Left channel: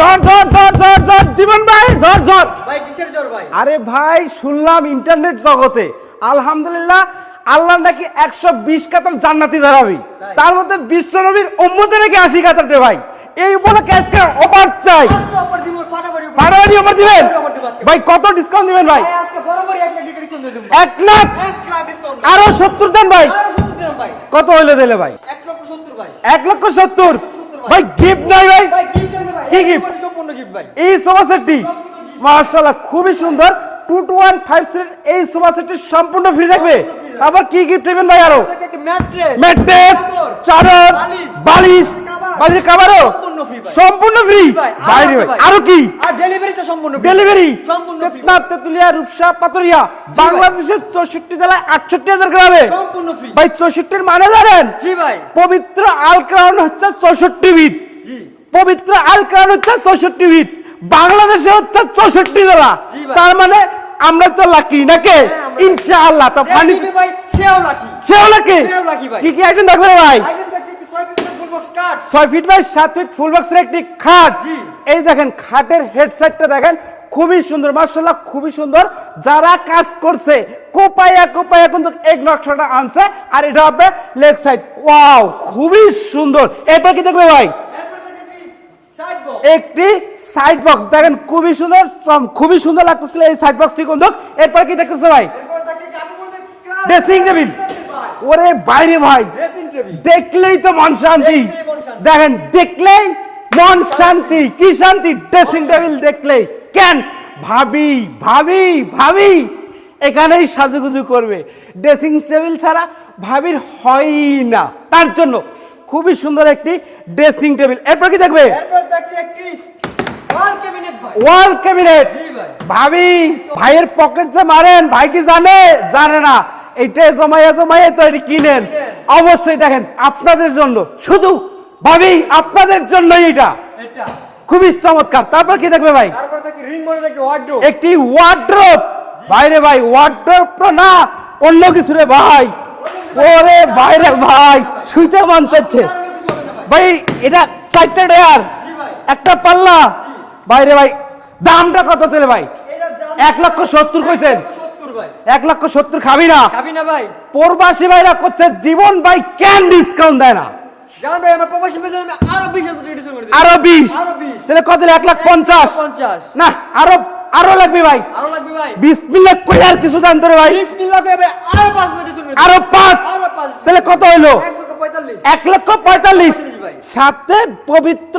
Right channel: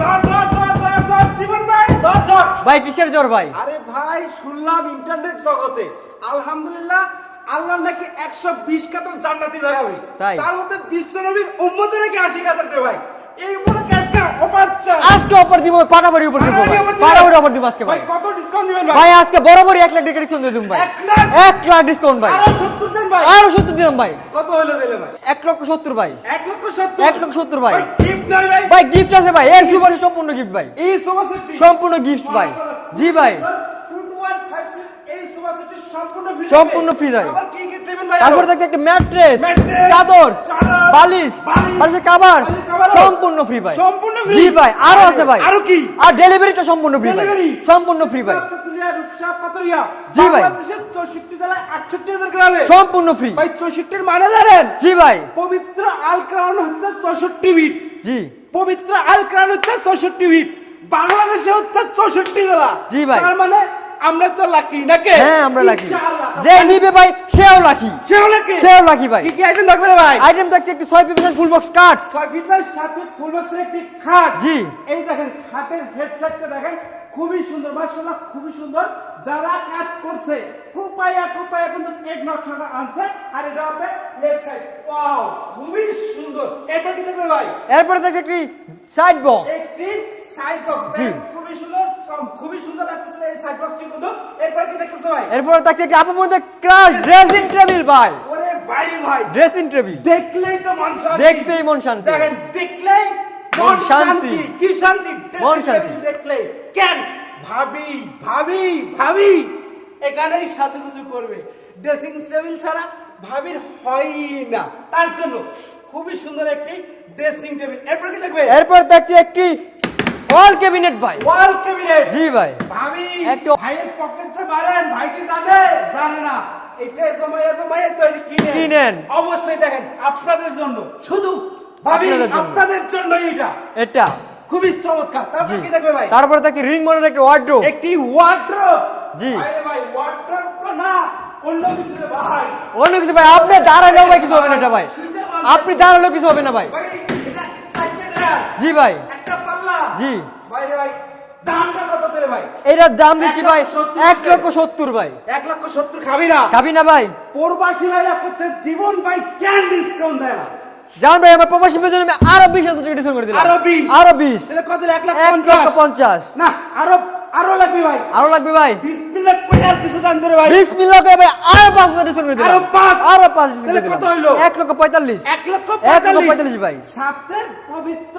ঝড় জীবন ভাই ঝড় ভাই কিসের জ্বর ভাই? আরে ভাই শুনলাম ইন্টারনেট জগতে আলহামদুলিল্লাহ আল্লাহ নাকি 120 কাতার জান্নাতি দাঁড়াবে, তাই? তার মধ্যে বিশ্ব নবীর উম্মতে নাকি 80 কাতার রে ভাই। এই উপলক্ষে আজকে অফার চাই, আজকে অফার দিব, পাটাপাড়ি উপর পাটাপাড়ি অফার দিবেন আজকে ভাই। কত ডিসকাউন্ট দিবেন ভাই? ভাই আজকে বরাবরই 1 লাখ টাকা ডিসকাউন্ট দিয়ে দিন ভাই। 1 লাখ 1 লাখ ডিসকাউন্ট ভাই। আরো 70 দেন ভাই। আরো 70 দিলাম ভাই। কত হইলো দিলে ভাই? 1 লক্ষ 70 ভাই। 1 লক্ষ 70 1 লক্ষ 70 ভাই। ভাই গিফট নাই ভাই? ভাই গিফট আছে ভাই, কি এই gift? সুপার সম্পূর্ণ গিফট ভাই। এই সোফা সেটটি সম্পূর্ণ gift ভাই। মাশাআল্লাহ খুবই জি ভাই। সুন্দর। 2 to 1 5 সিট এই সোফা সেটটি সম্পূর্ণ ফ্রি থাকবে। সম্পূর্ণ free থাকবে। আবার কি গিফট দিবেন ভাই? আরো তারপর থেকে একটা ম্যাট্রেস, ম্যাট্রেস, চাদর, বালিশ, বালিশ, বালিশের কভার সম্পূর্ণ ফ্রি ভাই। সম্পূর্ণ ফ্রি জি ভাই, আরো আছে ভাই। আরো কি? আর ডেলিভারি তো সম্পূর্ণ free। ডেলিভারি সম্পূর্ণ ফ্রি ভাই। তেতুলিয়া, রূপসা, পাতুরিয়া, জি ভাই। বাংলাদেশের 64 জেলায় 68,000 গ্রামে সম্পূর্ণ ফ্রি ভাই। 64 এর মানে জানেন? জি ভাই। পবিত্র আল কোরআন হচ্ছে 64 বিট। জি পবিত্র আল কোরআন হচ্ছে 64 বিট। বাংলাদেশে হচ্ছে 64 জেলা। জি ভাই। তার মানে আমরা তো লাকি নাকি? হ্যাঁ, আমরা lucky। ইনশাআল্লাহ। তো যে নিবে ভাই সেও রাখি। সেও লাকি। সেও লাকি ভাই। কি কি আইটেম রাখবে ভাই? আইটেম থাকছে একটি 6 পিস ফুল বক্স কাট, 6 ফিট বাই 7 ফিট ফুল বক্সের একটি খাট। জি। এই দেখেন খাটের হেডসেটটা দেখেন খুবই সুন্দর, মাশাআল্লাহ খুবই সুন্দর। যারা কাজ করছে কোপায়া কিন্তু এক নকশাটা আনছে। আর এটা হবে লেগ সাইড। ওয়াও খুবই সুন্দর। এটা কি দেখবে ভাই? এরপরে থাকছে একটি সাইড বক্স, একটি সাইড বক্স দেখেন খুবই সুন্দর, খুবই সুন্দর লাগতেছিল এই সাইড বক্সটি কিন্তু। এরপর কি দেখতেছে ভাই? এরপরে থাকছে একটি আপু মধ্যে crush Dressing dressing table। Table ভাই। ওরে বাইরে ভাই ড্রেসিং টেবিল দেখলেই তো মন শান্তি। দেখলেই মন শান্তি। দেখেন দেখলেই মন শান্তি। শান্তি। কি শান্তি? ড্রেসিং শান্তি। টেবিল দেখলেই কেন ভাবি ভাবি ভাবি এখানেই সাজুগুজু করবে। ড্রেসিং টেবিল ছাড়া ভাবির হয় না। তার জন্য খুবই সুন্দর একটি ড্রেসিং টেবিল। এরপর কি দেখবে? এরপরে থাকছে একটি ওয়াল ক্যাবিনেট ভাই। ওয়াল ক্যাবিনেট। জি ভাই। ভাবি একটু- ভাইয়ের পকেট যে মারেন, ভাই কি জানে না এইটা জমাইয়া তো এটি কিনেন। অবশ্যই দেখেন আপনাদের জন্য, শুধু ভাবি আপনাদের জন্য এটা খুবই চমৎকার। তারপর কি দেখবে ভাই? তারপরে থাকছে রিং মডেল একটি ওয়ার্ডরোব। একটি ওয়ার্ড্রোব। জি। বাইরে ভাই ওয়ার্ড্রোব তো না, অন্য কিছু রে ভাই। অন্য কিছু ভাই, ওরে আপনি দাঁড়ালে ভাই কিছু হবে না ভাই। শুইতে মন আপনি চাচ্ছে দাঁড়ালে কিছু হবে না ভাই। ভাই। এটা 4টা ডেয়ার, জি ভাই। একটা পাল্লা। জি। বাইরে ভাই দামটা কত তেলে ভাই? এটার দাম 1,70,000 কইছে। 1,70,000 ভাই। 1,70,000 খাবি না? খাবি না ভাই? প্রবাসী ভাইরা করছে জীবন ভাই কেন ডিসকাউন্ট দেয় না? জান ভাই আমার প্রবাসী বেতন আমি আরো 20,000 টাকা ডিসকাউন্ট করে দিলাম। আরো 20 আরো 20 তাহলে কত? 1,50,000 1,50,000 না আরো লাগবে ভাই। আরো লাগবে ভাই। বিসমিল্লাহ কই আর কিছু দাম ধরে ভাই। বিসমিল্লাহ কই ভাই আরো 5,000 ডিসকাউন্ট করে দিলাম। আরো 5 আরো 5 তাহলে কত হইলো? 1,45,000 1,45,000 ভাই। সাথে পবিত্র